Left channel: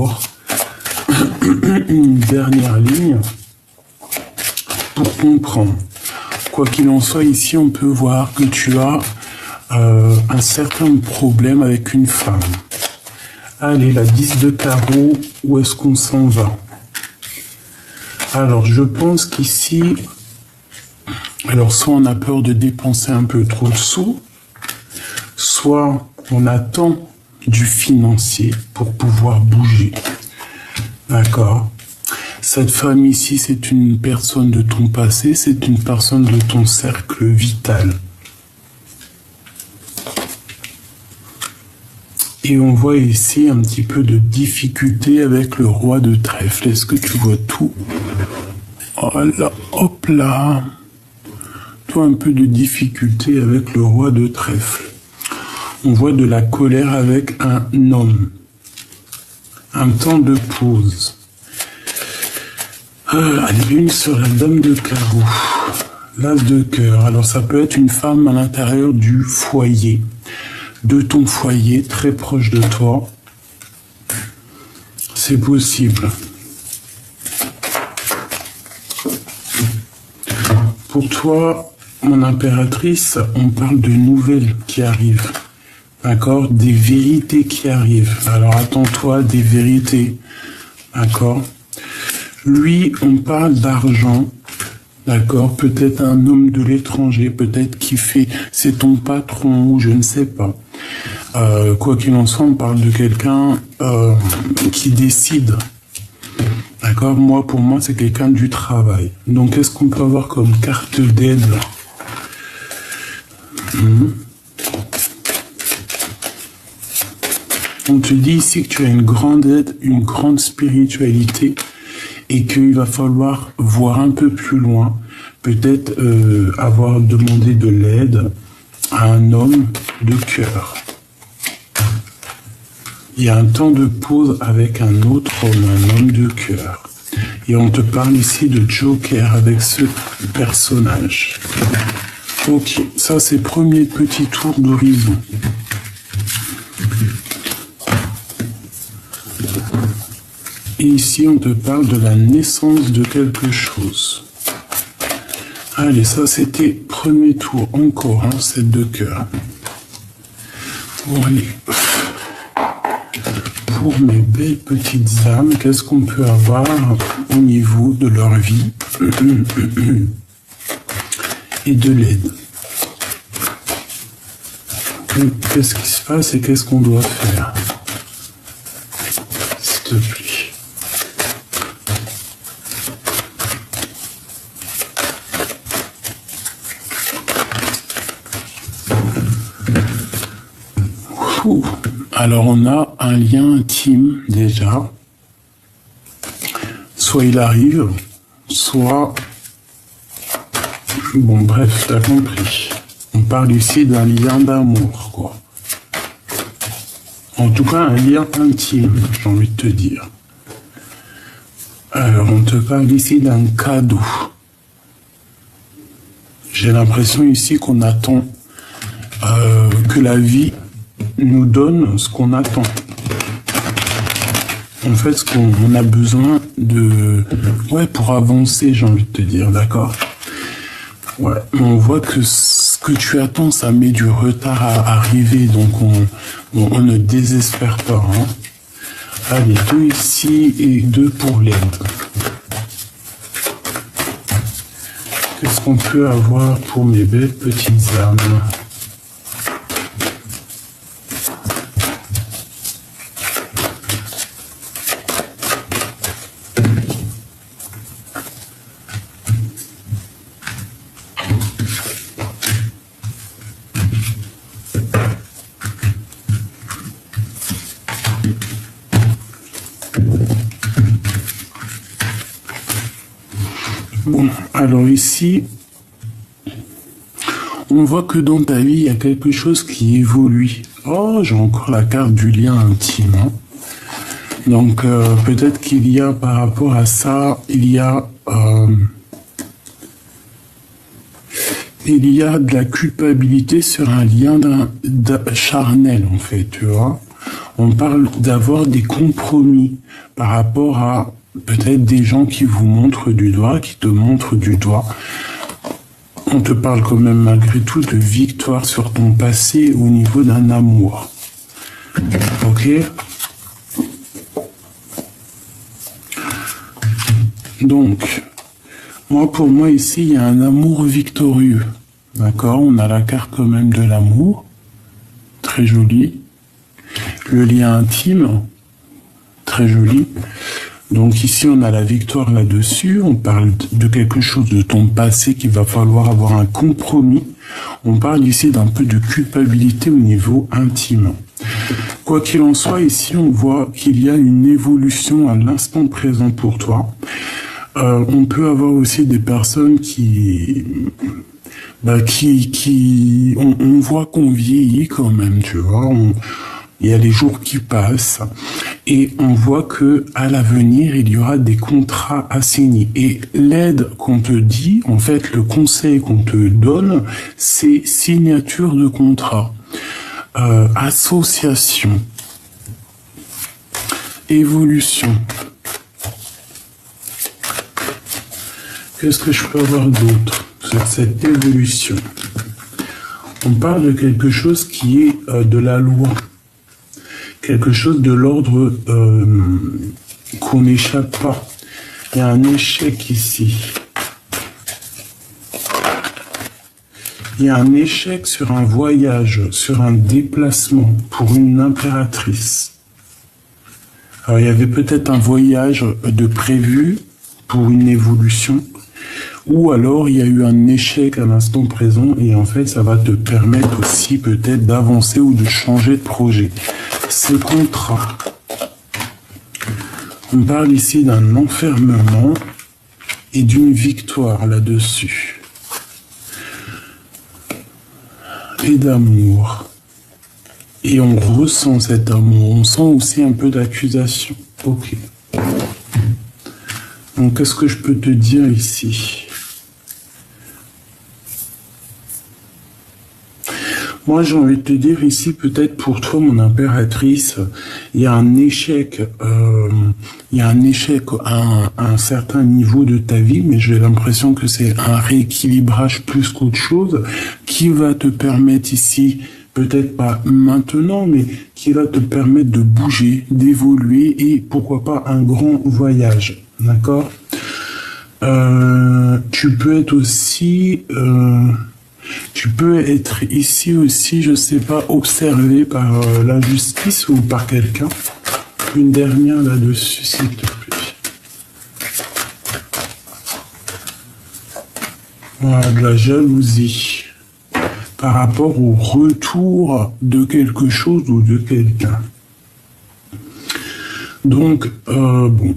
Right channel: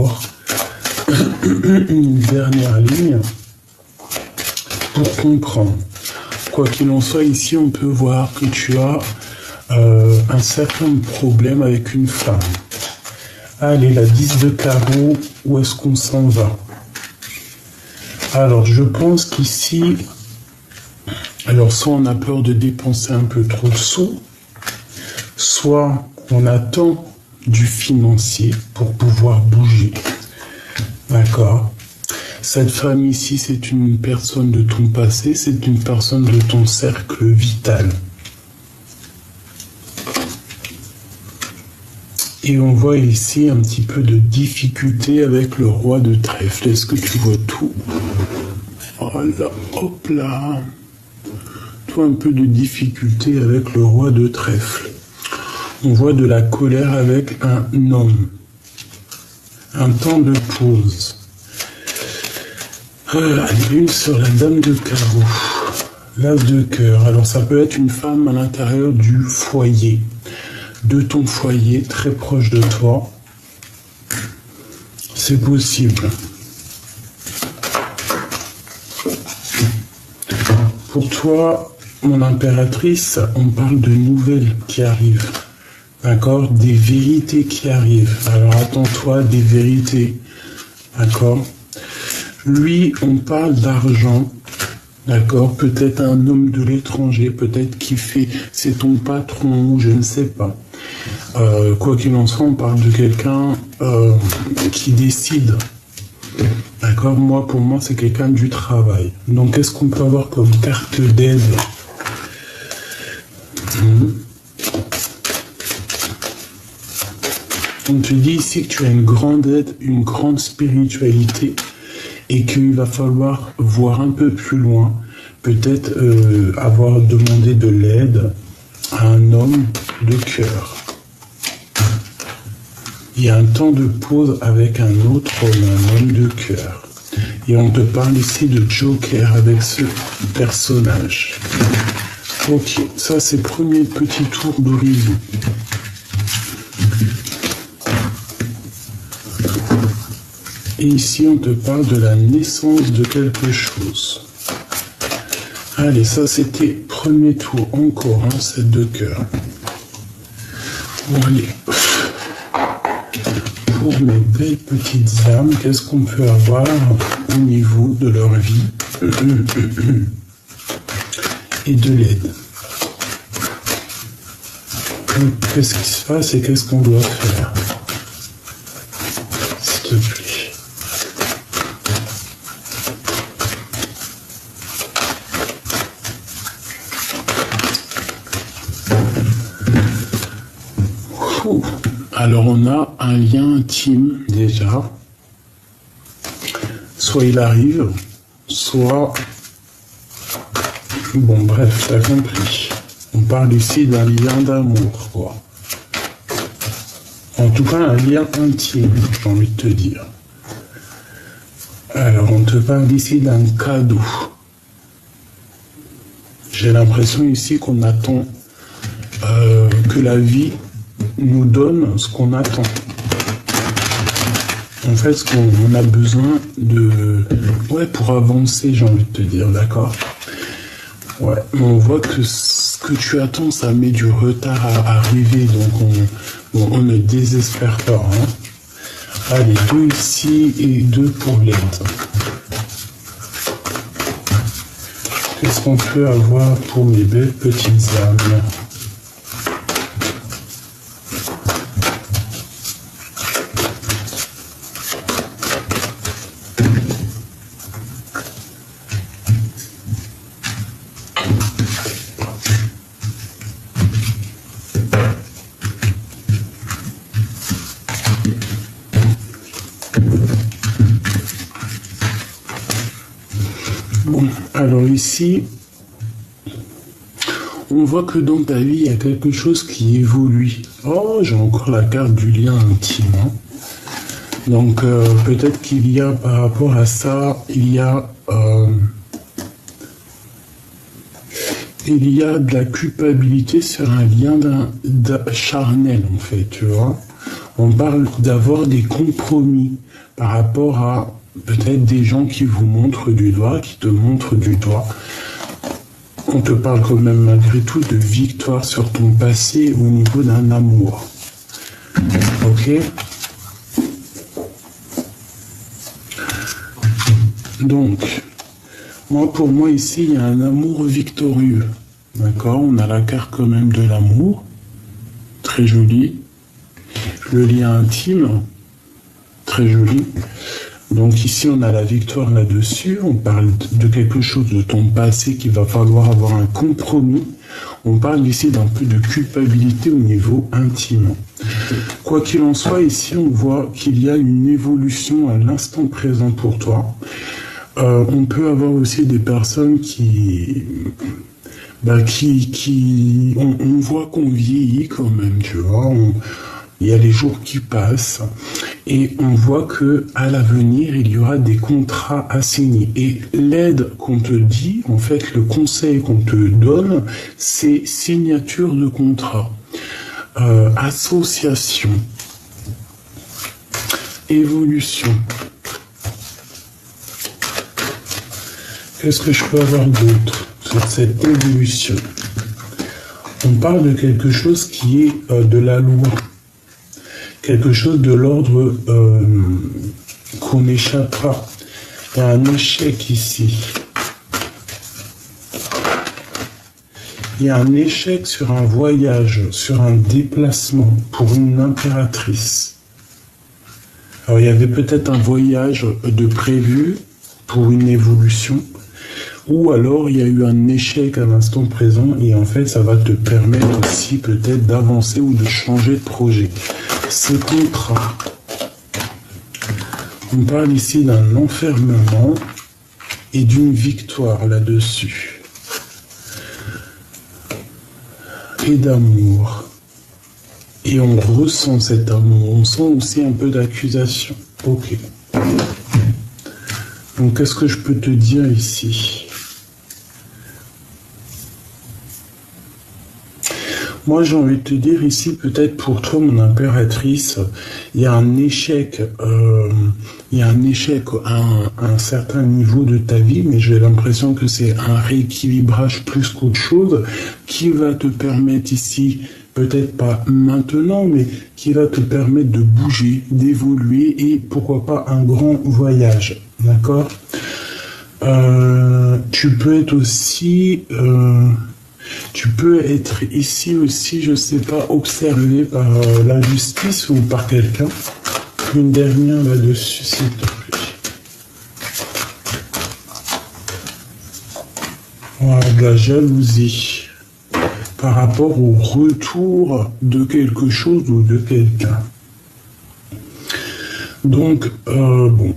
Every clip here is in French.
encore une dernière ligne pour comprendre. Quoi qu'il en soit, ici, on peut voir que tu as un certain problème avec une femme. Allez, la 10 de carreau, où est-ce qu'on s'en va? Alors, je pense qu'ici, alors soit on a peur de dépenser un peu trop de sous, soit on attend du financier pour pouvoir bouger. D'accord? Cette femme ici, c'est une personne de ton passé, c'est une personne de ton cercle vital. Et on voit ici un petit peu de difficulté avec le roi de trèfle. Est-ce que tu vois tout? Voilà, hop là. Toi, un peu de difficulté avec le roi de trèfle. On voit de la colère avec un homme. Un temps de pause. La lune sur la dame de carreau. L'as de cœur. Alors ça peut être une femme à l'intérieur du foyer. De ton foyer, très proche de toi. C'est possible. Pour toi, mon impératrice, on parle de nouvelles qui arrivent. D'accord? Des vérités qui arrivent. Alors attends-toi à des vérités. D'accord? Lui, on parle d'argent. D'accord? Peut-être un homme de l'étranger, peut-être qui fait, c'est ton patron, ou je ne sais pas. Quoi qu'il en soit, on parle de quelqu'un qui décide. D'accord? Moi, pour moi, c'est quelqu'un du travail. Donc, qu'est-ce qu'on peut avoir comme carte d'aide? On te dit ici que tu as une grande aide, une grande spiritualité et qu'il va falloir voir un peu plus loin, peut-être avoir demandé de l'aide à un homme de cœur. Il y a un temps de pause avec un autre homme, un homme de cœur. Et on te parle ici de Joker avec ce personnage. Ok, ça c'est le premier petit tour d'horizon. Et ici, on te parle de la naissance de quelque chose. Allez, ça, c'était premier tour. Encore, hein, 7 de cœur. Bon, allez. Pour mes belles petites âmes, qu'est-ce qu'on peut avoir au niveau de leur vie et de l'aide? Qu'est-ce qui se passe et qu'est-ce qu'on doit faire? S'il te plaît. Alors on a un lien intime déjà, soit il arrive, soit... Bon bref, t'as compris. On parle ici d'un lien d'amour, quoi. En tout cas, un lien intime, j'ai envie de te dire. Alors on te parle ici d'un cadeau. J'ai l'impression ici qu'on attend que la vie nous donne ce qu'on attend. En fait, ce qu'on a besoin de... Ouais, pour avancer, j'ai envie de te dire, d'accord? Ouais, on voit que ce que tu attends, ça met du retard à arriver, donc on ne désespère pas. Hein. Allez, 2 ici et 2 pour l'aide. Qu'est-ce qu'on peut avoir pour mes belles petites âmes? Bon, alors ici, on voit que dans ta vie, il y a quelque chose qui évolue. Oh, j'ai encore la carte du lien intime. Hein. Donc, peut-être qu'il y a, par rapport à ça, il y a de la culpabilité sur un lien charnel, en fait, tu vois. On parle d'avoir des compromis par rapport à peut-être des gens qui vous montrent du doigt, qui te montrent du doigt. On te parle quand même malgré tout de victoire sur ton passé au niveau d'un amour. Ok? Donc, pour moi ici, il y a un amour victorieux. D'accord? On a la carte quand même de l'amour. Très joli. Le lien intime. Très joli. Donc ici, on a la victoire là-dessus. On parle de quelque chose de ton passé qu'il va falloir avoir un compromis. On parle ici d'un peu de culpabilité au niveau intime. Quoi qu'il en soit, ici, on voit qu'il y a une évolution à l'instant présent pour toi. On peut avoir aussi des personnes on voit qu'on vieillit quand même, tu vois. Il y a les jours qui passent et on voit que à l'avenir, il y aura des contrats à signer. Et l'aide qu'on te dit, en fait, le conseil qu'on te donne, c'est signature de contrat, association, évolution. Qu'est-ce que je peux avoir d'autre sur cette évolution? On parle de quelque chose qui est de la loi. Quelque chose de l'ordre qu'on n'échappe pas. Il y a un échec ici. Il y a un échec sur un voyage, sur un déplacement pour une impératrice. Alors, il y avait peut-être un voyage de prévu pour une évolution, ou alors il y a eu un échec à l'instant présent et en fait ça va te permettre aussi peut-être d'avancer ou de changer de projet. Ce contrat, on parle ici d'un enfermement et d'une victoire là-dessus. Et d'amour. Et on ressent cet amour, on sent aussi un peu d'accusation. Ok. Donc qu'est-ce que je peux te dire ici? Moi, j'ai envie de te dire ici, peut-être pour toi, mon impératrice, il y a un échec, à un certain niveau de ta vie, mais j'ai l'impression que c'est un rééquilibrage plus qu'autre chose qui va te permettre ici, peut-être pas maintenant, mais qui va te permettre de bouger, d'évoluer et pourquoi pas un grand voyage, d'accord? Tu peux être aussi... Tu peux être ici aussi, je sais pas, observé par la justice ou par quelqu'un. Une dernière là-dessus, s'il te plaît. Voilà, de la jalousie. Par rapport au retour de quelque chose ou de quelqu'un. Donc, bon,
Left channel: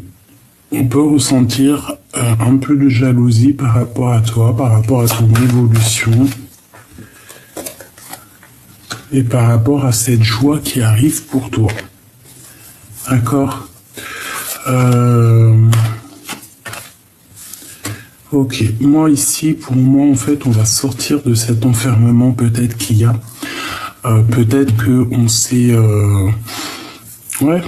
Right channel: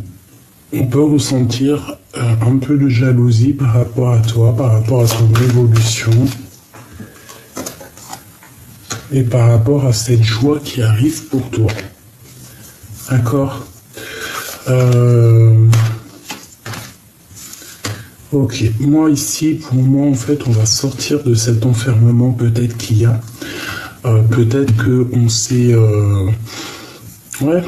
on peut ressentir un peu de jalousie par rapport à toi, par rapport à ton évolution. Et par rapport à cette joie qui arrive pour toi. D'accord? Ok, moi ici, pour moi, en fait, on va sortir de cet enfermement, peut-être qu'il y a. Peut-être qu'on s'est... ouais,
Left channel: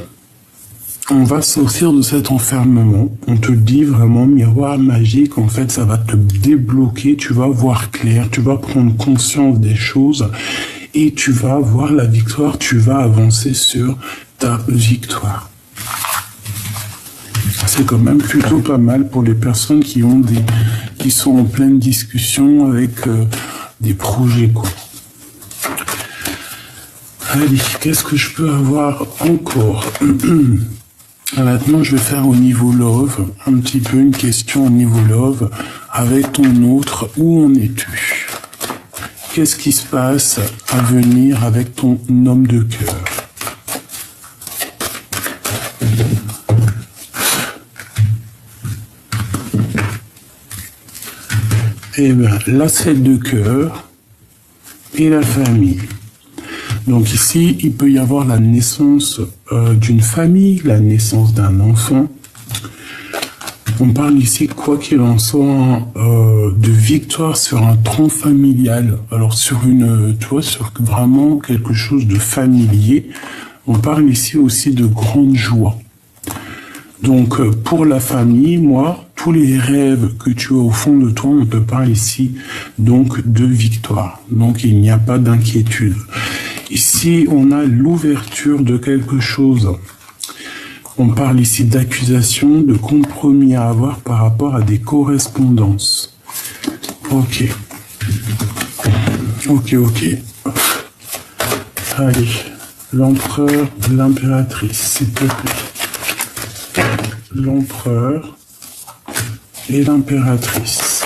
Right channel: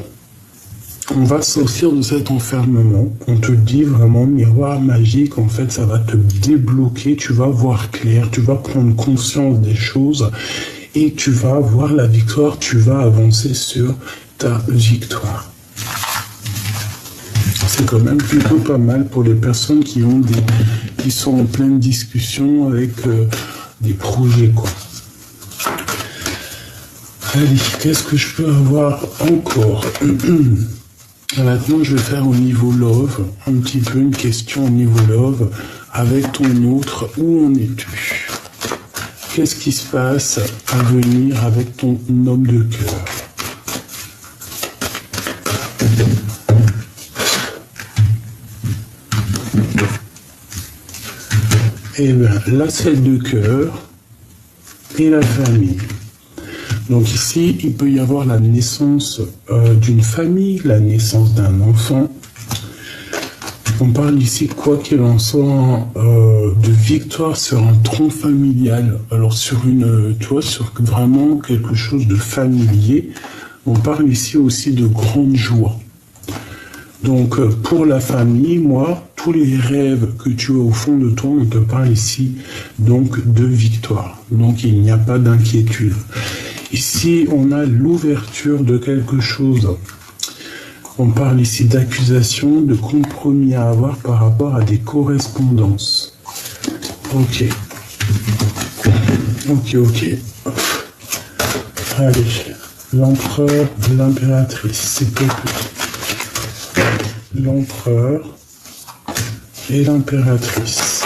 on va sortir de cet enfermement. On te le dit vraiment, miroir magique, en fait, ça va te débloquer, tu vas voir clair, tu vas prendre conscience des choses. Et tu vas avoir la victoire, tu vas avancer sur ta victoire. C'est quand même plutôt pas mal pour les personnes qui sont en pleine discussion avec des projets, quoi. Allez, qu'est-ce que je peux avoir encore? Maintenant, je vais faire au niveau love, un petit peu une question au niveau love, avec ton autre, où en es-tu? Qu'est-ce qui se passe à venir avec ton homme de cœur? Eh bien, la 7 de cœur et la famille. Donc ici, il peut y avoir la naissance d'une famille, la naissance d'un enfant. On parle ici, quoi qu'il en soit, de victoire sur un tronc familial. Alors sur sur vraiment quelque chose de familier, On parle ici aussi de grande joie. Donc, pour la famille, moi, tous les rêves que tu as au fond de toi, on te parle ici, donc, de victoire. Donc, il n'y a pas d'inquiétude. Ici, on a l'ouverture de quelque chose. On parle ici d'accusation, de compromis à avoir par rapport à des correspondances. Ok. Ok. Allez, l'empereur, l'impératrice, s'il te plaît. L'empereur et l'impératrice.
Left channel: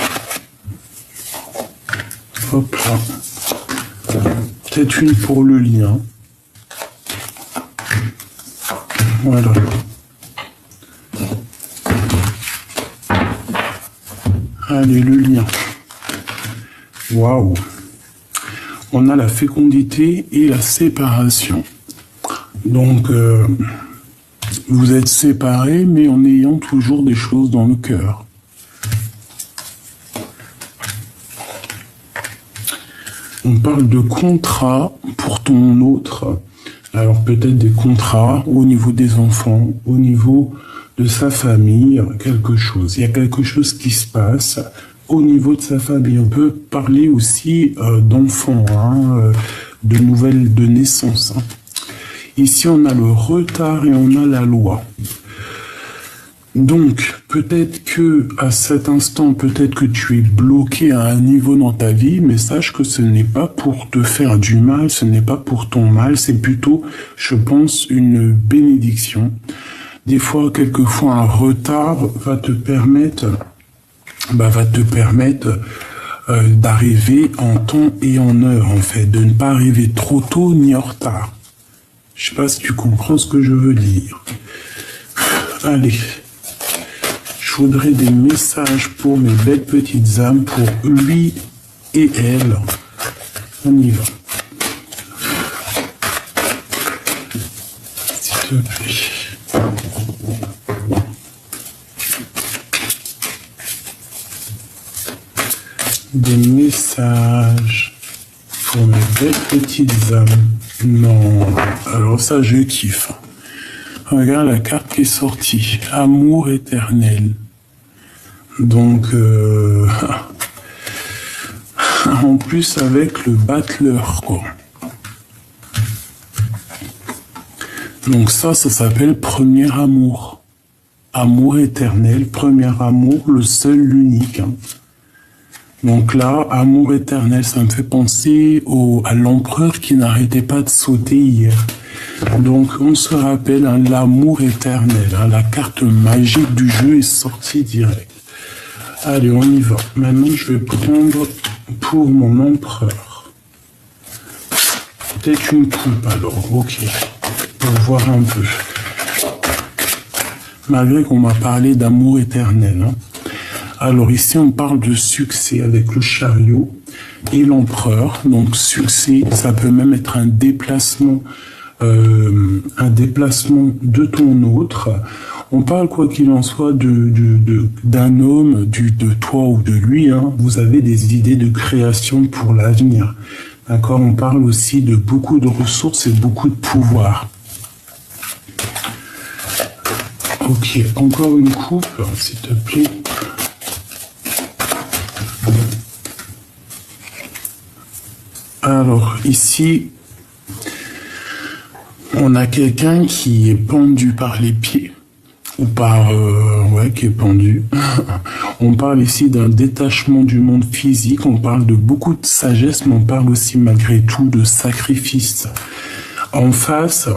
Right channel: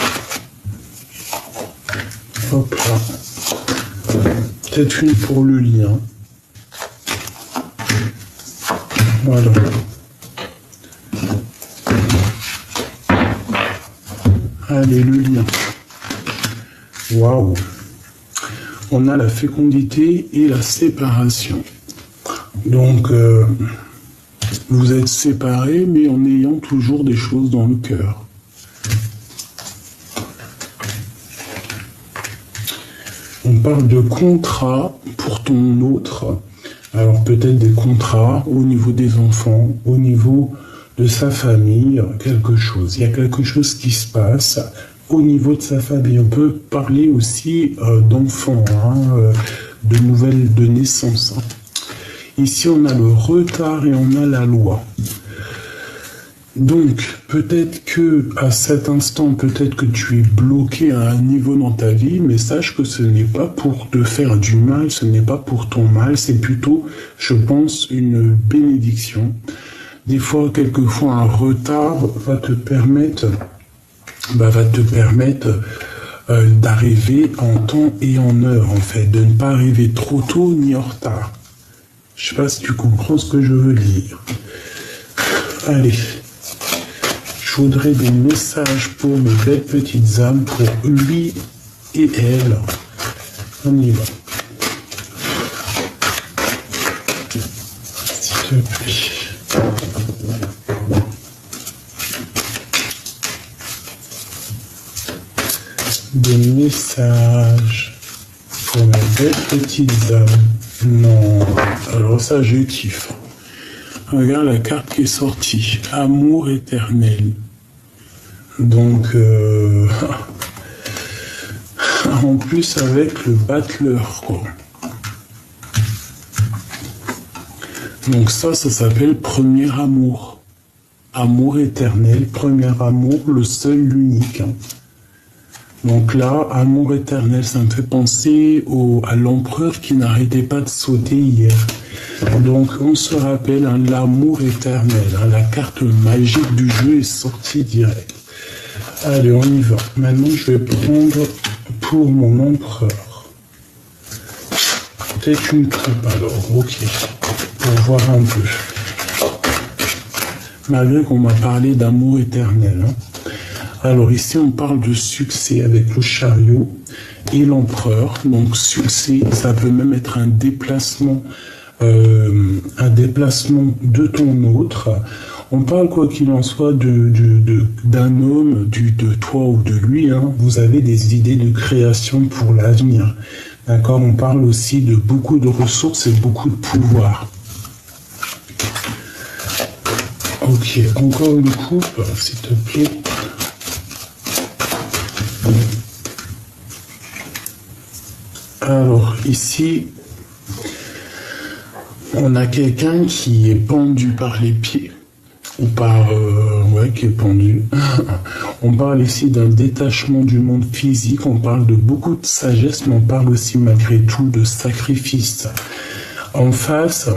Hop là. Peut-être une pour le lien. Voilà. Allez, le lien. Waouh. On a la fécondité et la séparation. Donc, vous êtes séparés, mais en ayant toujours des choses dans le cœur. On parle de contrat pour ton autre. Alors peut-être des contrats au niveau des enfants, au niveau de sa famille, quelque chose. Il y a quelque chose qui se passe au niveau de sa famille. On peut parler aussi d'enfants, de nouvelles de naissance. Ici, on a le retard et on a la loi. Donc, peut-être que à cet instant, peut-être que tu es bloqué à un niveau dans ta vie, mais sache que ce n'est pas pour te faire du mal, ce n'est pas pour ton mal, c'est plutôt, je pense, une bénédiction. Des fois, quelquefois, un retard va te permettre d'arriver en temps et en heure, en fait, de ne pas arriver trop tôt ni en retard. Je sais pas si tu comprends ce que je veux dire. Allez. Je voudrais des messages pour mes belles petites âmes, pour lui et elle. On y va. S'il te plaît. Des messages pour mes belles petites âmes. Non, alors ça je kiffe. Regarde la carte qui est sortie. Amour éternel. Donc, en plus avec le battleur, quoi. Donc ça s'appelle premier amour. Amour éternel, premier amour, le seul, l'unique. Donc là, amour éternel, ça me fait penser à l'empereur qui n'arrêtait pas de sauter hier. Donc on se rappelle l'amour éternel. La carte magique du jeu est sortie direct. Allez, on y va. Maintenant, je vais prendre pour mon empereur. Peut-être une coupe alors, ok. On va voir un peu. Malgré qu'on m'a parlé d'amour éternel. Alors ici, on parle de succès avec le chariot et l'empereur. Donc succès, ça peut même être un déplacement de ton autre. On parle, quoi qu'il en soit, d'un homme, de toi ou de lui. Vous avez des idées de création pour l'avenir. D'accord? On parle aussi de beaucoup de ressources et beaucoup de pouvoir. Ok, encore une coupe, s'il te plaît. Alors, ici, on a quelqu'un qui est pendu par les pieds. Ou par... qui est pendu. On parle ici d'un détachement du monde physique, on parle de beaucoup de sagesse, mais on parle aussi malgré tout de sacrifice. En face,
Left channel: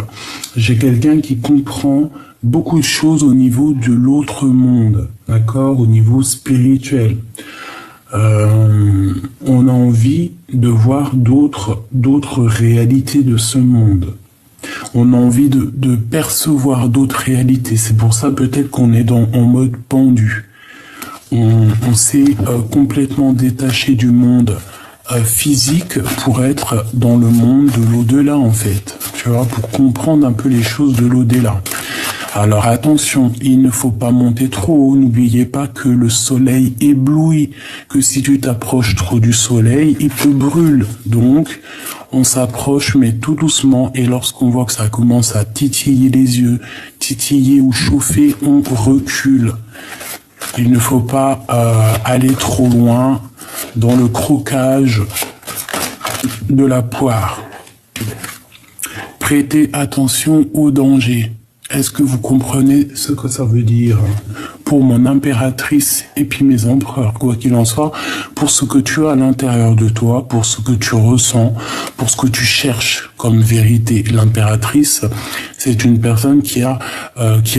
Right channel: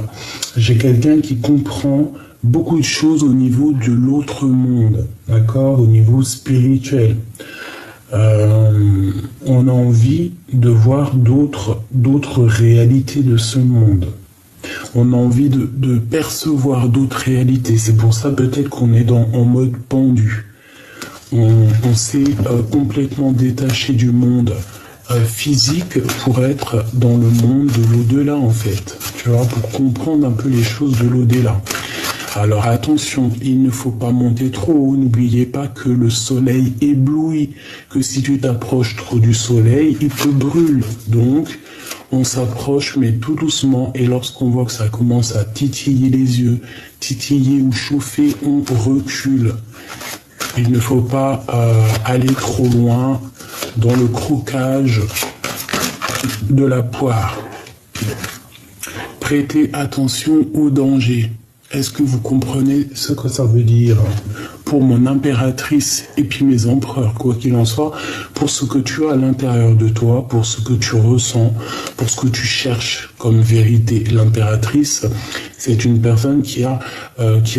j'ai quelqu'un qui comprend beaucoup de choses au niveau de l'autre monde, d'accord, au niveau spirituel. On a envie de voir d'autres réalités de ce monde. On a envie de percevoir d'autres réalités. C'est pour ça peut-être qu'on est en mode pendu. On s'est complètement détaché du monde physique pour être dans le monde de l'au-delà, en fait. Tu vois, pour comprendre un peu les choses de l'au-delà. Alors attention, il ne faut pas monter trop haut. N'oubliez pas que le soleil éblouit, que si tu t'approches trop du soleil, il te brûle. Donc, On s'approche, mais tout doucement, et lorsqu'on voit que ça commence à titiller les yeux, titiller ou chauffer, on recule. Il ne faut pas aller trop loin dans le croquage de la poire. Prêtez attention au danger. Est-ce que vous comprenez ce que ça veut dire pour mon impératrice et puis mes empereurs, quoi qu'il en soit, pour ce que tu as à l'intérieur de toi, pour ce que tu ressens, pour ce que tu cherches comme vérité. L'impératrice, c'est une personne qui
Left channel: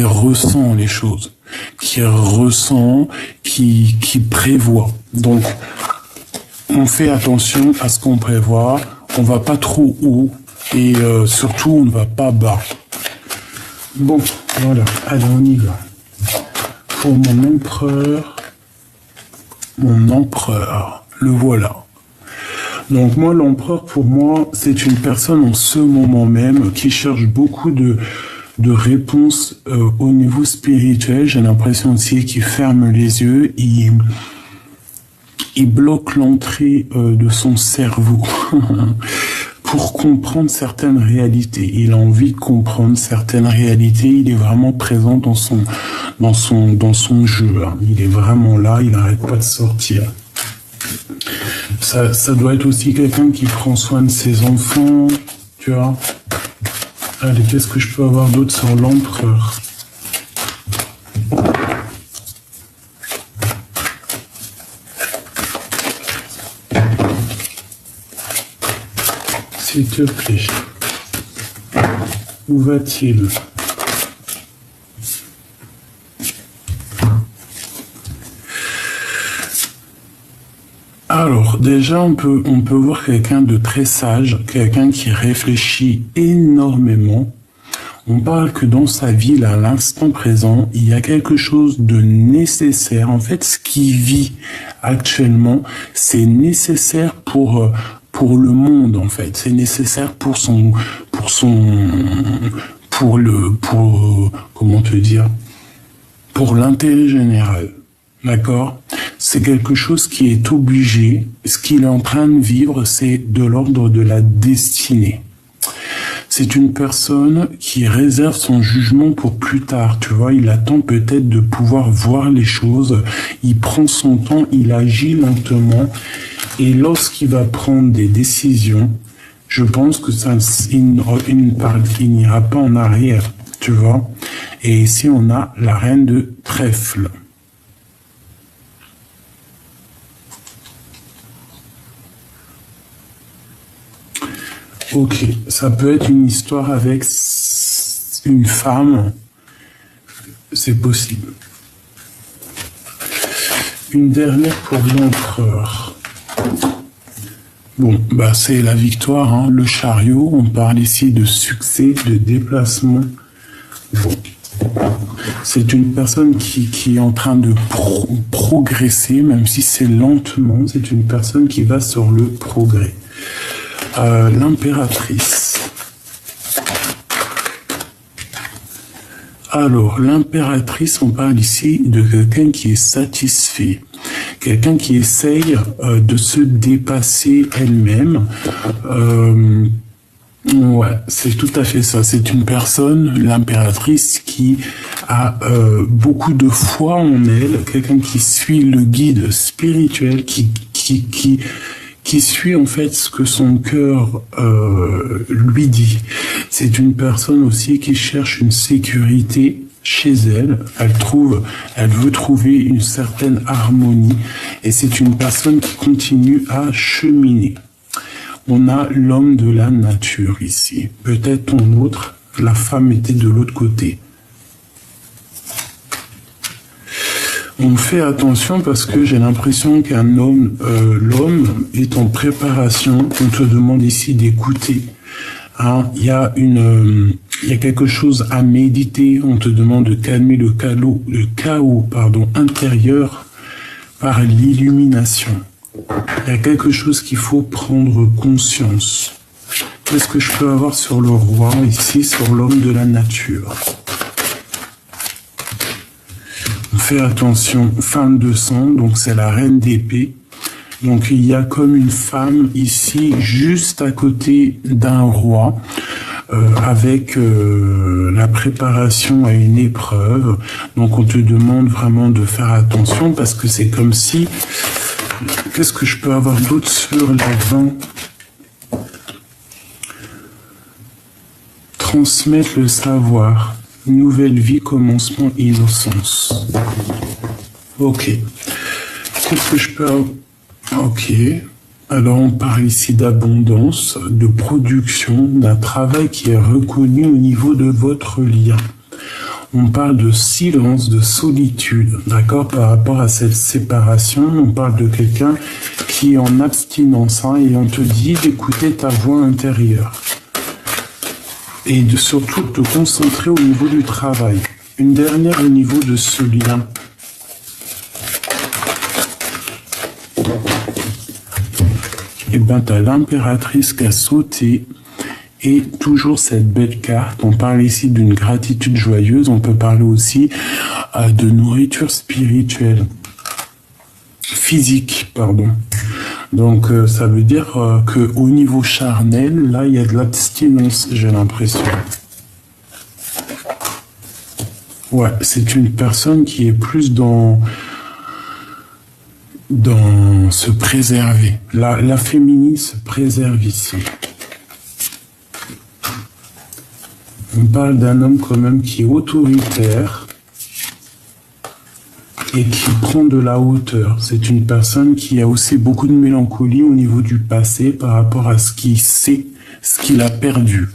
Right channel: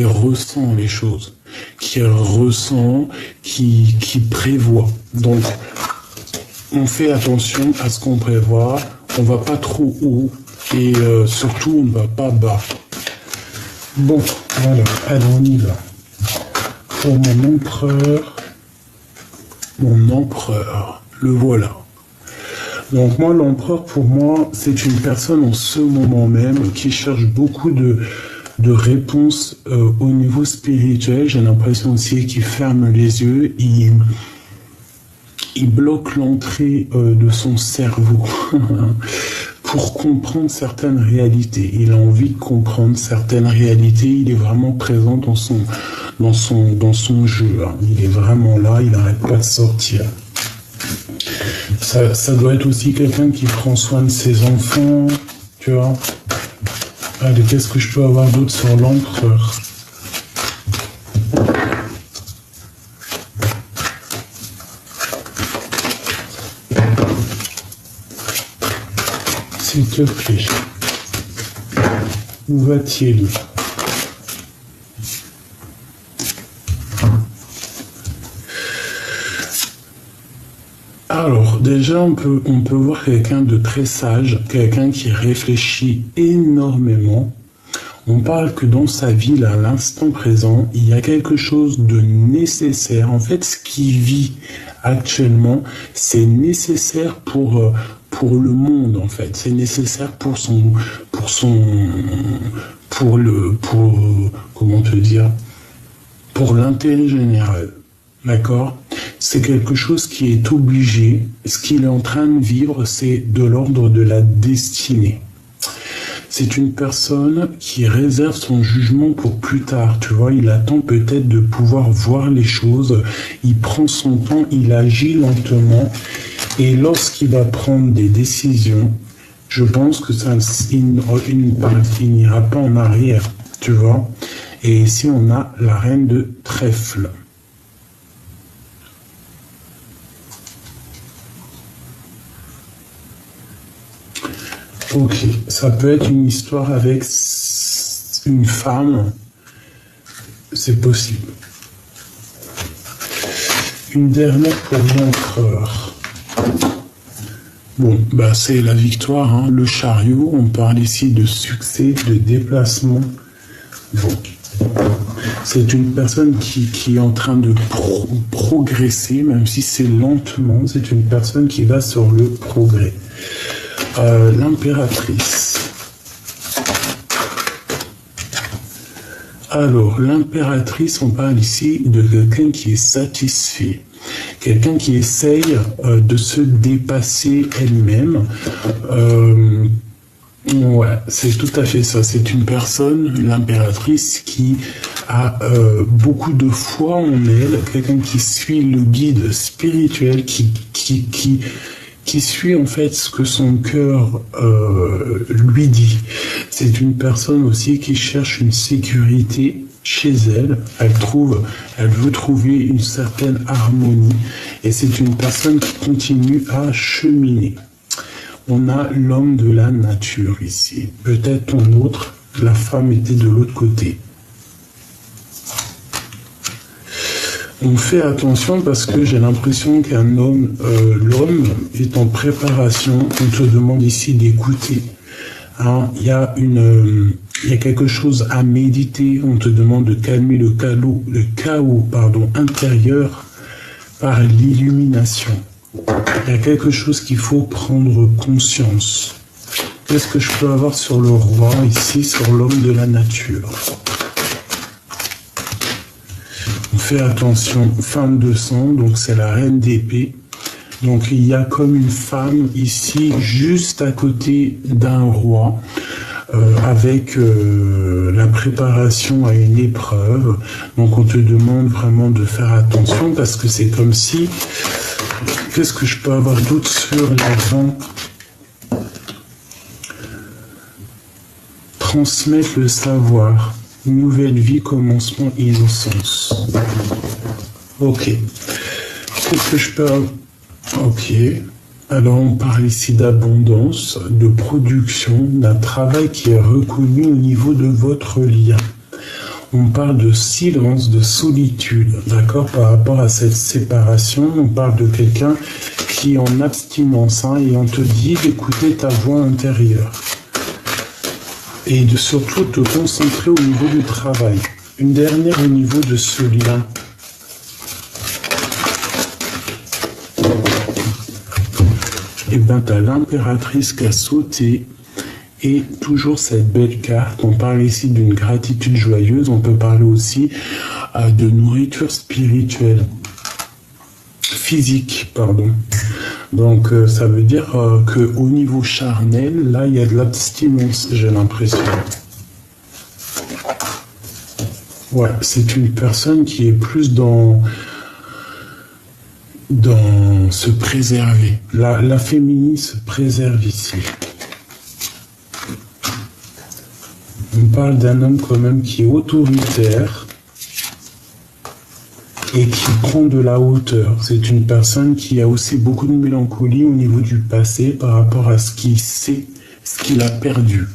ressent les choses, qui ressent, qui prévoit. Donc, on fait attention à ce qu'on prévoit, on va pas trop haut et surtout on ne va pas bas. Bon, voilà, allez, on y va. Pour mon empereur, le voilà. Donc moi, l'empereur, pour moi, c'est une personne en ce moment même qui cherche beaucoup de réponses au niveau spirituel. J'ai l'impression aussi qu'il ferme les yeux, il bloque l'entrée de son cerveau. Pour comprendre certaines réalités. Il a envie de comprendre certaines réalités. Il est vraiment présent dans son jeu. Hein. Il est vraiment là. Il n'arrête pas de sortir. Ça doit être aussi quelqu'un qui prend soin de ses enfants. Tu vois. Allez, qu'est-ce que je peux avoir d'autre sur l'empereur? S'il te plaît. Où va-t-il? Alors, déjà, on peut voir quelqu'un de très sage, quelqu'un qui réfléchit énormément. On parle que dans sa vie, là, à l'instant présent, il y a quelque chose de nécessaire. En fait, ce qu'il vit actuellement, c'est nécessaire pour le monde, en fait. C'est nécessaire comment te dire, pour l'intérêt général. D'accord? C'est quelque chose qui est obligé. Ce qu'il est en train de vivre, c'est de l'ordre de la destinée. C'est une personne qui réserve son jugement pour plus tard, tu vois. Il attend peut-être de pouvoir voir les choses. Il prend son temps, il agit lentement. Et lorsqu'il va prendre des décisions, je pense que il n'ira pas en arrière, tu vois. Et ici, on a la reine de trèfle. Ok, ça peut être une histoire avec une femme, c'est possible. Une dernière pour l'empereur. Bon, bah c'est la victoire, hein, le chariot, on parle ici de succès, de déplacement. Bon, c'est une personne qui est en train de progresser, même si c'est lentement, c'est une personne qui va sur le progrès. L'impératrice. Alors, l'impératrice, on parle ici de quelqu'un qui est satisfait, quelqu'un qui essaye de se dépasser elle-même. Ouais, c'est tout à fait ça. C'est une personne, l'impératrice, qui a beaucoup de foi en elle, quelqu'un qui suit le guide spirituel, qui suit en fait ce que son cœur lui dit. C'est une personne aussi qui cherche une sécurité chez elle. Elle veut trouver une certaine harmonie. Et c'est une personne qui continue à cheminer. On a l'homme de la nature ici. Peut-être ton autre, la femme était de l'autre côté. On fait attention parce que j'ai l'impression qu'un homme, l'homme est en préparation. On te demande ici d'écouter. Hein, il y a quelque chose à méditer. On te demande de calmer le chaos intérieur par l'illumination. Il y a quelque chose qu'il faut prendre conscience. Qu'est-ce que je peux avoir sur le roi ici, sur l'homme de la nature? Fais attention, femme de sang, donc c'est la reine d'épée. Donc il y a comme une femme ici, juste à côté d'un roi, avec la préparation à une épreuve. Donc on te demande vraiment de faire attention parce que c'est comme si... Qu'est-ce que je peux avoir d'autre sur l'avant? Transmettre le savoir. Nouvelle vie, commencement, innocence. Ok. Qu'est-ce que je peux avoir? Ok. Alors on parle ici d'abondance, de production, d'un travail qui est reconnu au niveau de votre lien. On parle de silence, de solitude, d'accord? Par rapport à cette séparation, on parle de quelqu'un qui est en abstinence, hein, et on te dit d'écouter ta voix intérieure. Et de surtout te concentrer au niveau du travail. Une dernière au niveau de ce lien. Et bien, tu as l'impératrice qui a sauté. Et toujours cette belle carte. On parle ici d'une gratitude joyeuse. On peut parler aussi de nourriture spirituelle. Physique, pardon. Donc, ça veut dire qu'au niveau charnel, là, il y a de l'abstinence, j'ai l'impression. Ouais, c'est une personne qui est plus dans se préserver. La féminine se préserve ici. On parle d'un homme quand même qui est autoritaire et qui prend de la hauteur. C'est une personne qui a aussi beaucoup de mélancolie au niveau du passé par rapport à ce qu'il sait, ce qu'il a perdu.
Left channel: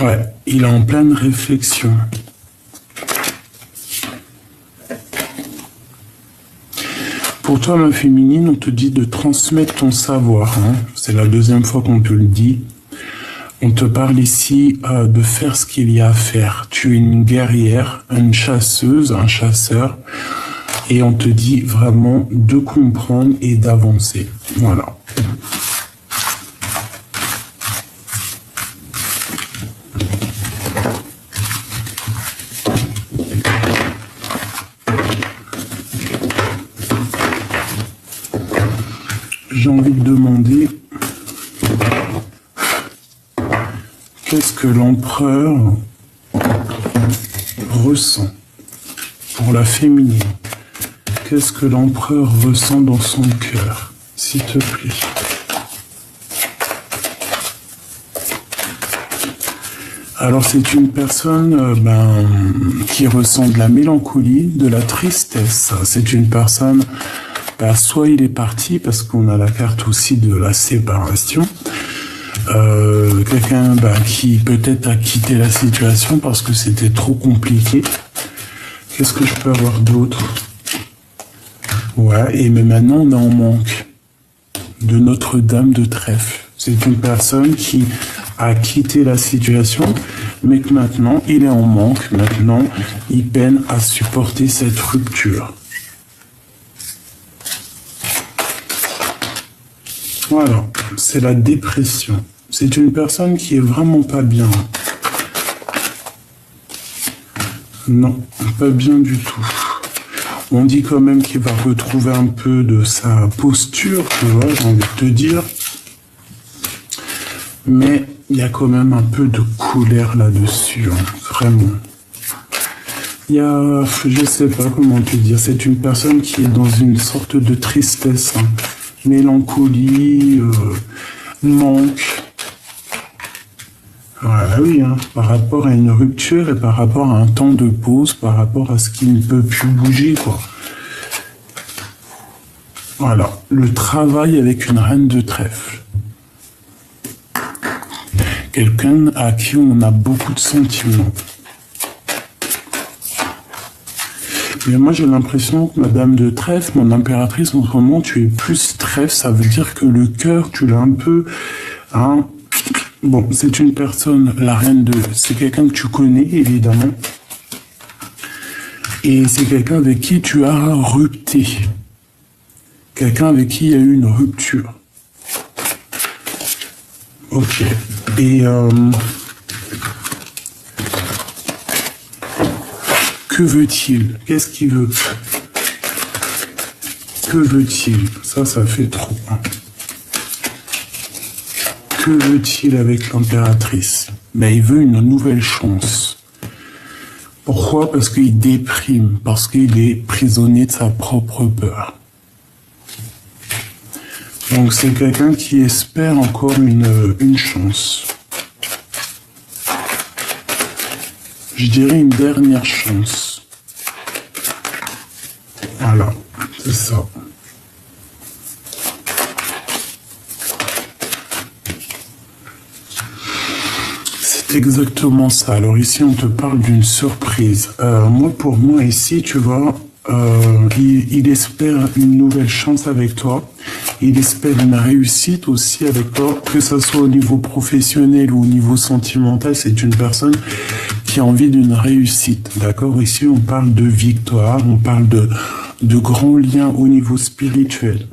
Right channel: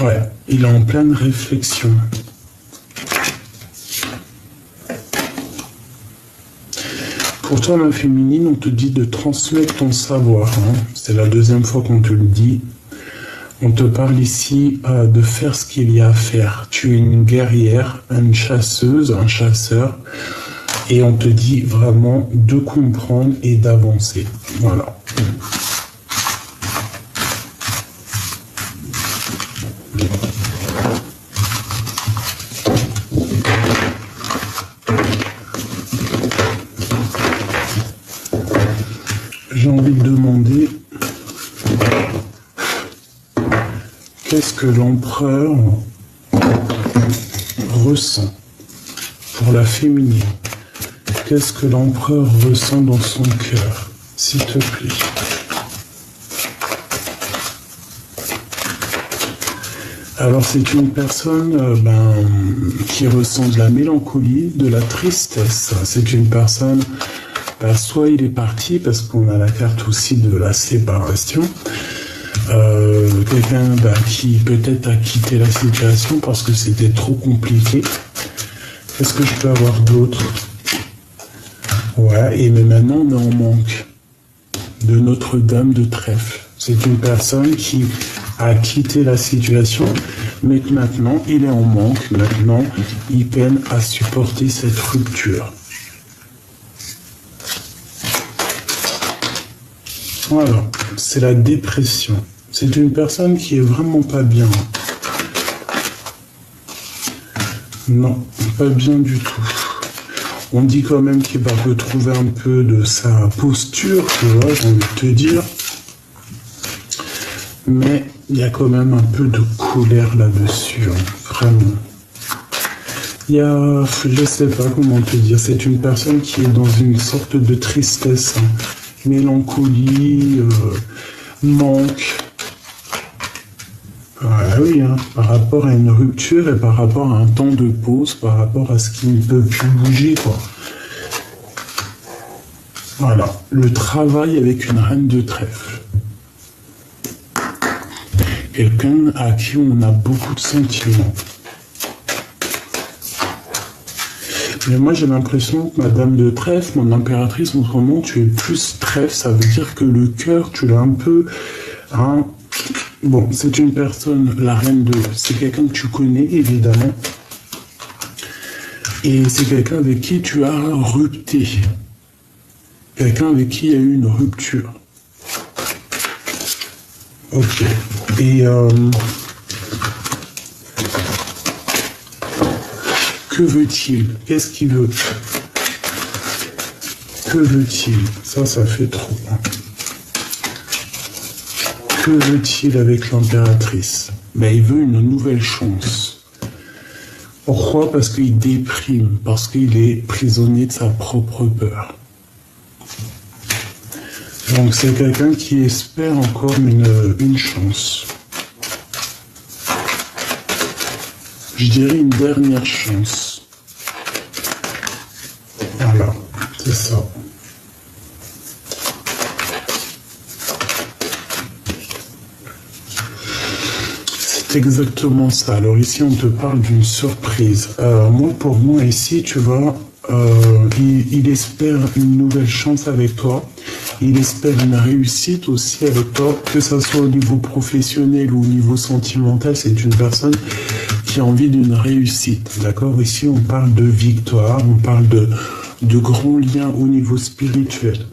Ouais, il est en pleine réflexion. Pour toi, la féminine, on te dit de transmettre ton savoir. Hein. C'est la deuxième fois qu'on te le dit. On te parle ici de faire ce qu'il y a à faire. Tu es une guerrière, une chasseuse, un chasseur. Et on te dit vraiment de comprendre et d'avancer. Voilà. J'ai envie de demander... Qu'est-ce que l'empereur ressent pour la féminine? Qu'est-ce que l'empereur ressent dans son cœur, s'il te plaît? Alors c'est une personne qui ressent de la mélancolie, de la tristesse. C'est une personne, soit il est parti parce qu'on a la carte aussi de la séparation. Quelqu'un qui peut-être a quitté la situation parce que c'était trop compliqué. Qu'est-ce que je peux avoir d'autre? Ouais, et mais maintenant on est en manque de Notre-Dame de Trèfle. C'est une personne qui a quitté la situation, mais que maintenant il est en manque. Maintenant, il peine à supporter cette rupture. Voilà, c'est la dépression. C'est une personne qui est vraiment pas bien. Non, pas bien du tout. On dit quand même qu'il va retrouver un peu de sa posture, tu vois, j'ai envie de te dire. Mais il y a quand même un peu de colère là-dessus, hein, vraiment. Il y a, je sais pas comment te dire, c'est une personne qui est dans une sorte de tristesse, hein. Mélancolie, manque. Ouais, oui, hein, par rapport à une rupture et par rapport à un temps de pause, par rapport à ce qui ne peut plus bouger, quoi. Voilà, le travail avec une reine de trèfle. Quelqu'un à qui on a beaucoup de sentiments. Mais moi j'ai l'impression que Madame de Trèfle, mon impératrice, en ce moment tu es plus trèfle, ça veut dire que le cœur tu l'as un peu... Hein. Bon, c'est une personne, la reine de... C'est quelqu'un que tu connais évidemment. Et c'est quelqu'un avec qui tu as rupté. Quelqu'un avec qui il y a eu une rupture. Ok. Et... que veut-il? Qu'est-ce qu'il veut? Que veut-il? Ça fait trop. Que veut-il avec l'impératrice? Mais il veut une nouvelle chance. Pourquoi? Parce qu'il déprime, parce qu'il est prisonnier de sa propre peur. Donc c'est quelqu'un qui espère encore une chance. Je dirais une dernière chance. Voilà, c'est ça. C'est exactement ça. Alors ici, on te parle d'une surprise. Pour moi, ici, tu vois, il espère une nouvelle chance avec toi. Il espère une réussite aussi avec toi, que ce soit au niveau professionnel ou au niveau sentimental. C'est une personne qui a envie d'une réussite. D'accord? Ici, on parle de victoire, on parle de grands liens au niveau spirituel.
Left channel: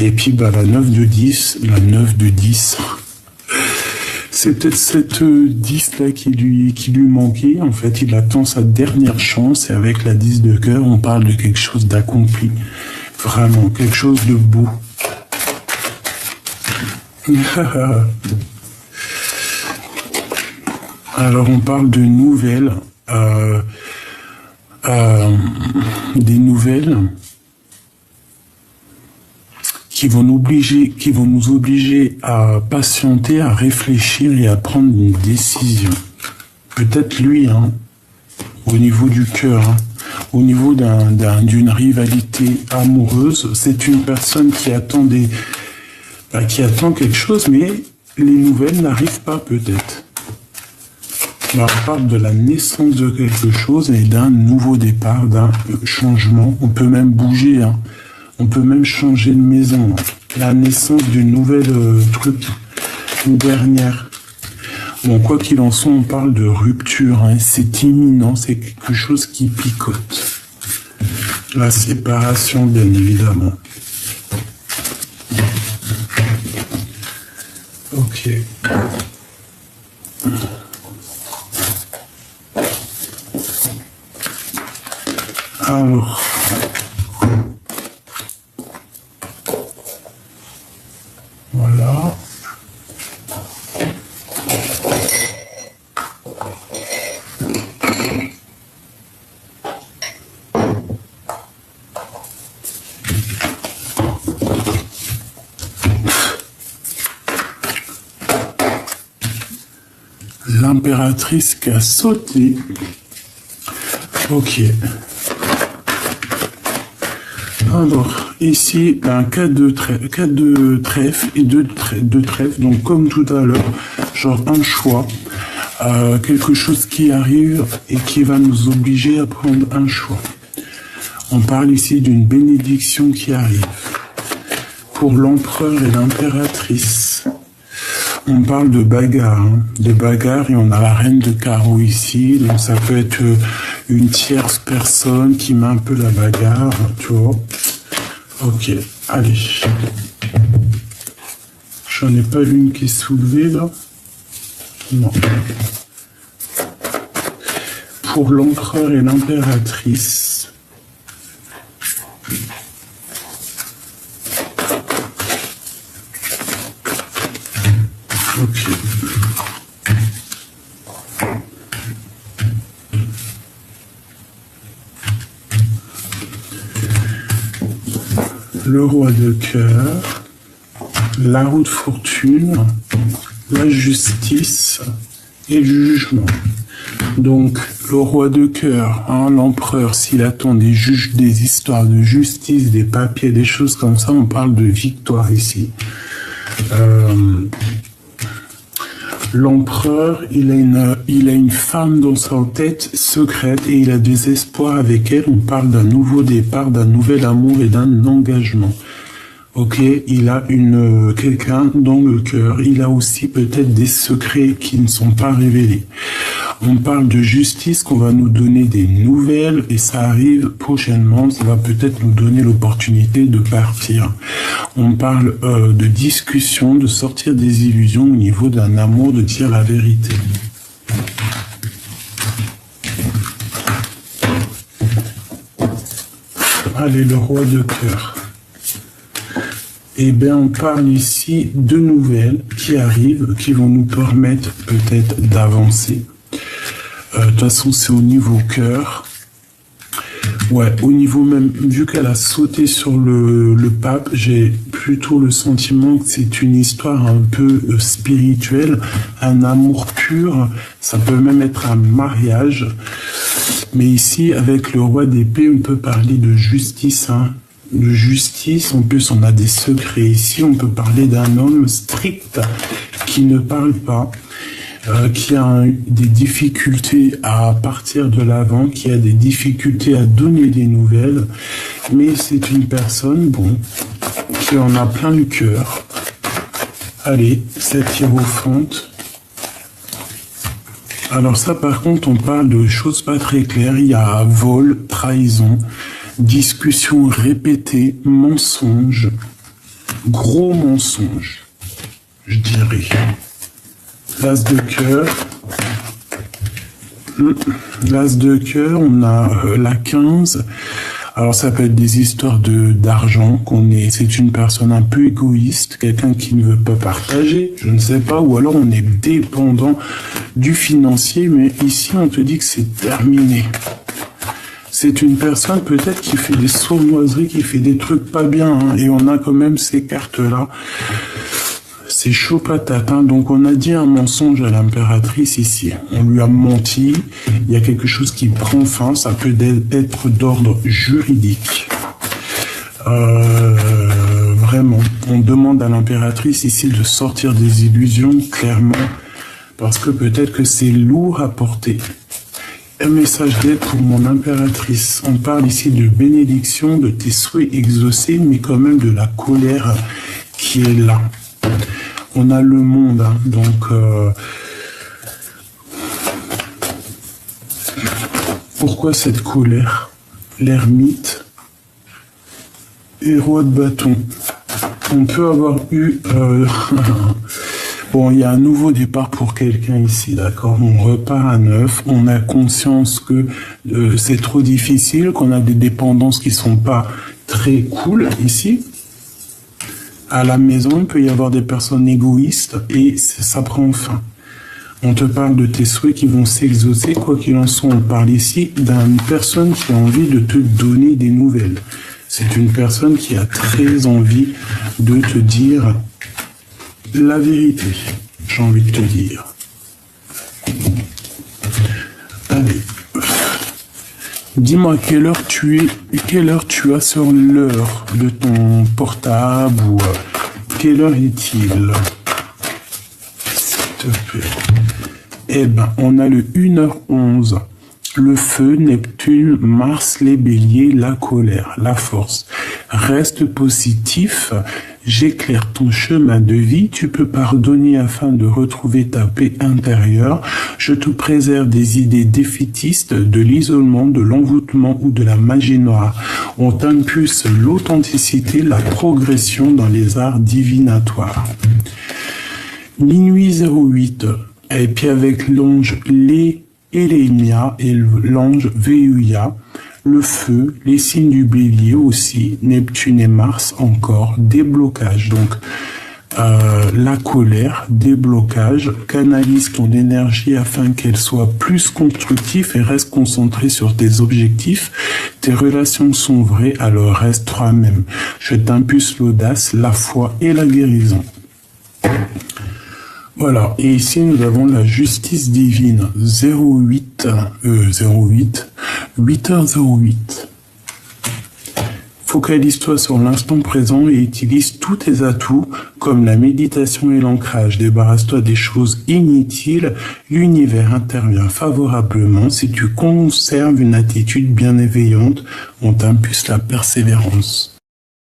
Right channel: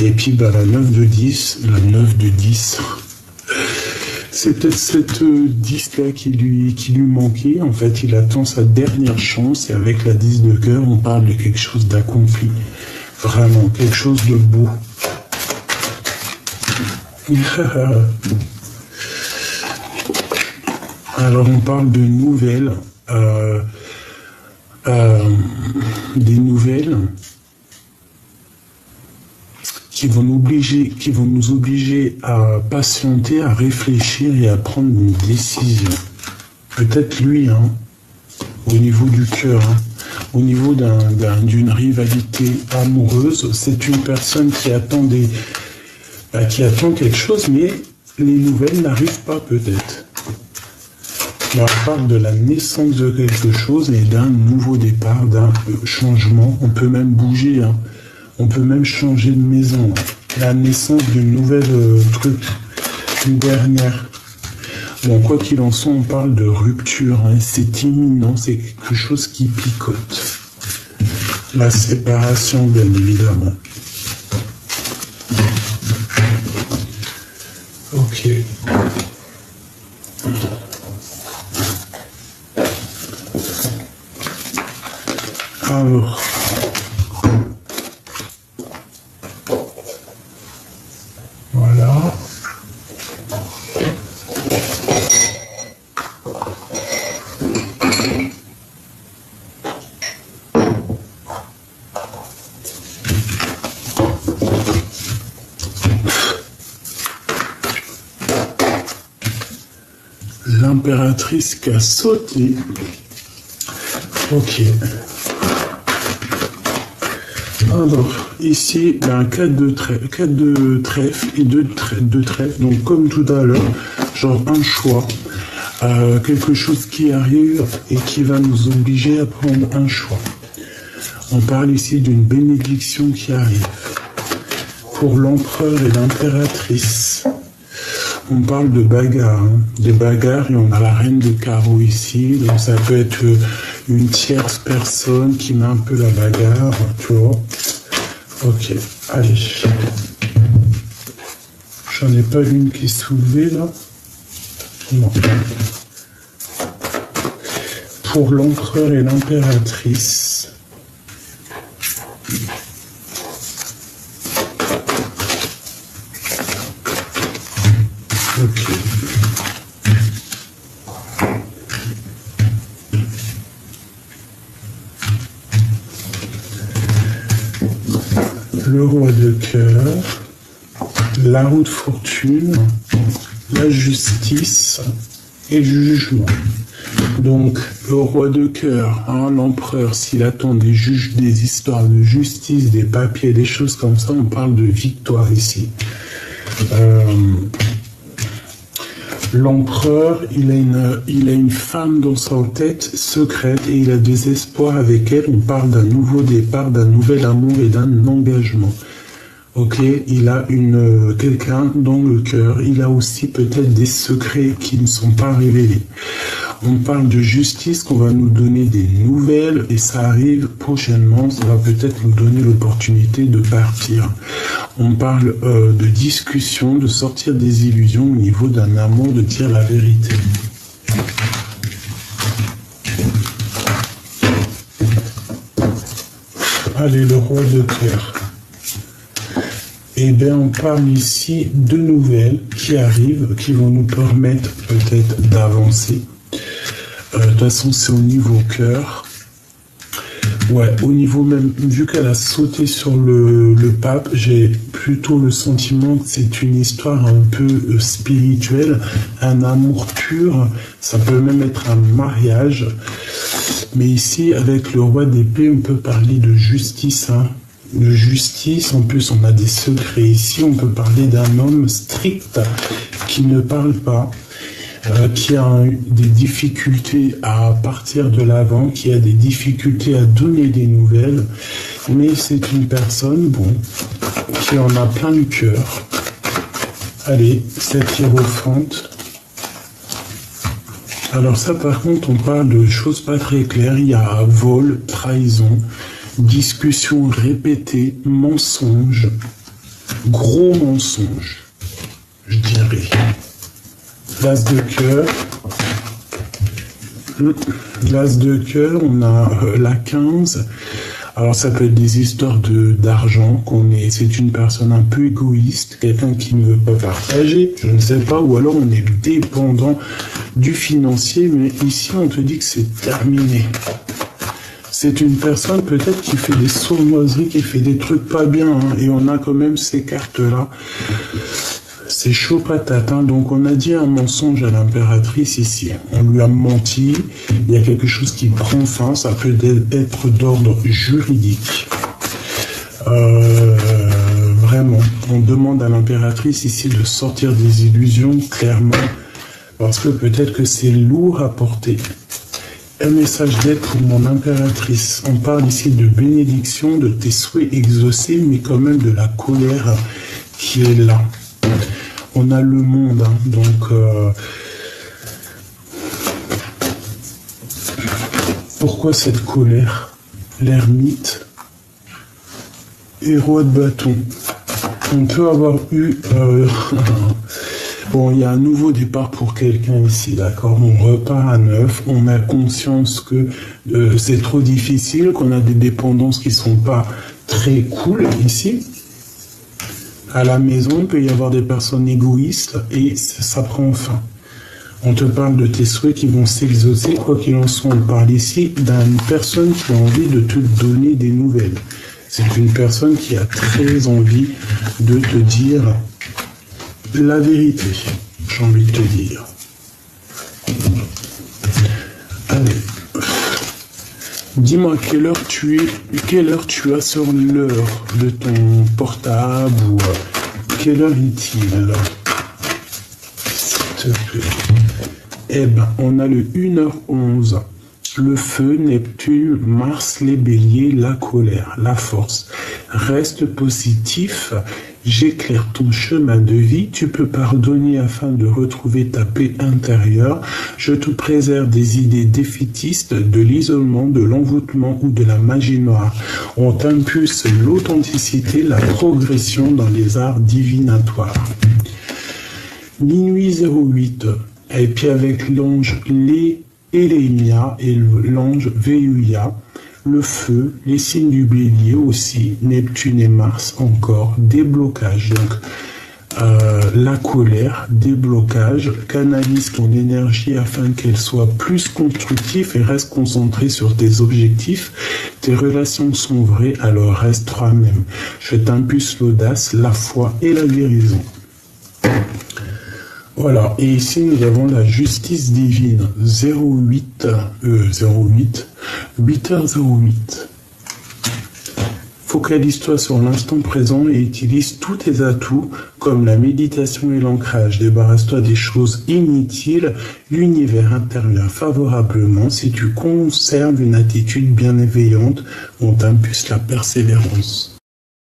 Et puis, bah, la 9 de 10, c'est peut-être cette 10 là qui lui manquait. En fait, il attend sa dernière chance. Et avec la 10 de cœur, on parle de quelque chose d'accompli. Vraiment, quelque chose de beau. Alors, on parle de nouvelles. Des nouvelles qui vont nous obliger à patienter, à réfléchir et à prendre une décision. Peut-être lui, hein, au niveau du cœur, hein, au niveau d'une rivalité amoureuse, c'est une personne qui attend quelque chose, mais les nouvelles n'arrivent pas peut-être. Mais on parle de la naissance de quelque chose et d'un nouveau départ, d'un changement. On peut même bouger, hein. On peut même changer de maison. Hein. La naissance d'une nouvelle truc, une dernière. Bon, quoi qu'il en soit, on parle de rupture. Hein. C'est imminent, c'est quelque chose qui picote. La séparation, bien évidemment. Ok. Alors, voilà. L'impératrice qui a sauté. Ok. Alors, ici, ben, 4 de trèfle et 2 de trèfle. Donc, comme tout à l'heure, genre un choix. Quelque chose qui arrive et qui va nous obliger à prendre un choix. On parle ici d'une bénédiction qui arrive. Pour l'empereur et l'impératrice. On parle de bagarre, hein, et on a la reine de carreau ici, donc ça peut être une tierce personne qui met un peu la bagarre, tu vois. Ok, allez. J'en ai pas une qui est soulevée là. Non. Pour l'empereur et l'impératrice. Ok. Le roi de cœur, la roue de fortune, la justice et le jugement. Donc, le roi de cœur, hein, l'empereur, s'il attend des juges, des histoires de justice, des papiers, des choses comme ça, on parle de victoire ici. L'empereur, il a une femme dans sa tête secrète et il a des espoirs avec elle. On parle d'un nouveau départ, d'un nouvel amour et d'un engagement. Ok, il a quelqu'un dans le cœur. Il a aussi peut-être des secrets qui ne sont pas révélés. On parle de justice, qu'on va nous donner des nouvelles et ça arrive prochainement. Ça va peut-être nous donner l'opportunité de partir. On parle de discussion, de sortir des illusions au niveau d'un amour, de dire la vérité. Allez, le roi de cœur. Eh bien, on parle ici de nouvelles qui arrivent, qui vont nous permettre peut-être d'avancer. De toute façon, c'est au niveau cœur. Ouais, au niveau même, vu qu'elle a sauté sur le pape, j'ai plutôt le sentiment que c'est une histoire un peu spirituelle, un amour pur, ça peut même être un mariage. Mais ici, avec le roi d'épée, on peut parler de justice, hein. De justice, en plus on a des secrets ici, on peut parler d'un homme strict qui ne parle pas, qui a des difficultés à partir de l'avant, qui a des difficultés à donner des nouvelles, mais c'est une personne, bon, qui en a plein le cœur. Allez, cette hiérophante. Alors ça par contre, on parle de choses pas très claires, il y a vol, trahison, discussion répétée, mensonge, gros mensonge, je dirais. L'as de cœur. L'as de cœur, on a la 15. Alors ça peut être des histoires d'argent, c'est une personne un peu égoïste, quelqu'un qui ne veut pas partager, je ne sais pas, ou alors on est dépendant du financier, mais ici on te dit que c'est terminé. C'est une personne peut-être qui fait des sournoiseries, qui fait des trucs pas bien, hein, et on a quand même ces cartes-là. C'est chaud patate, hein. Donc on a dit un mensonge à l'impératrice ici. On lui a menti, il y a quelque chose qui prend fin, ça peut être d'ordre juridique. Vraiment, on demande à l'impératrice ici de sortir des illusions, clairement, parce que peut-être que c'est lourd à porter. Un message d'aide pour mon impératrice. On parle ici de bénédiction, de tes souhaits exaucés, mais quand même de la colère qui est là. On a le monde, hein, donc pourquoi cette colère? L'ermite et roi de bâton. On peut avoir eu bon, il y a un nouveau départ pour quelqu'un ici, d'accord? On repart à neuf, on a conscience que c'est trop difficile, qu'on a des dépendances qui sont pas très cool ici. À la maison, il peut y avoir des personnes égoïstes et ça prend fin. On te parle de tes souhaits qui vont s'exaucer, quoi qu'il en soit. On parle ici d'une personne qui a envie de te donner des nouvelles. C'est une personne qui a très envie de te dire la vérité, j'ai envie de te dire. Allez. Dis-moi quelle heure tu as sur l'heure de ton portable ou quelle heure est-il? S'il te plaît. Eh ben, on a le 1h11. Le feu, Neptune, Mars, les béliers, la colère, la force. Reste positif, j'éclaire ton chemin de vie, tu peux pardonner afin de retrouver ta paix intérieure. Je te préserve des idées défaitistes, de l'isolement, de l'envoûtement ou de la magie noire. On t'impulse l'authenticité, la progression dans les arts divinatoires. Minuit 08, et puis avec l'ange Elémia et l'ange Véuia, le feu, les signes du bélier aussi, Neptune et Mars encore, déblocage. Donc la colère, déblocage, canalise ton énergie afin qu'elle soit plus constructive et reste concentrée sur tes objectifs. Tes relations sont vraies, alors reste toi-même. Je t'impulse l'audace, la foi et la guérison. Voilà, et ici nous avons la justice divine, 8h08. Focalise-toi sur l'instant présent et utilise tous tes atouts comme la méditation et l'ancrage. Débarrasse-toi des choses inutiles, l'univers intervient favorablement. Si tu conserves une attitude bienveillante, on t'impulse la persévérance.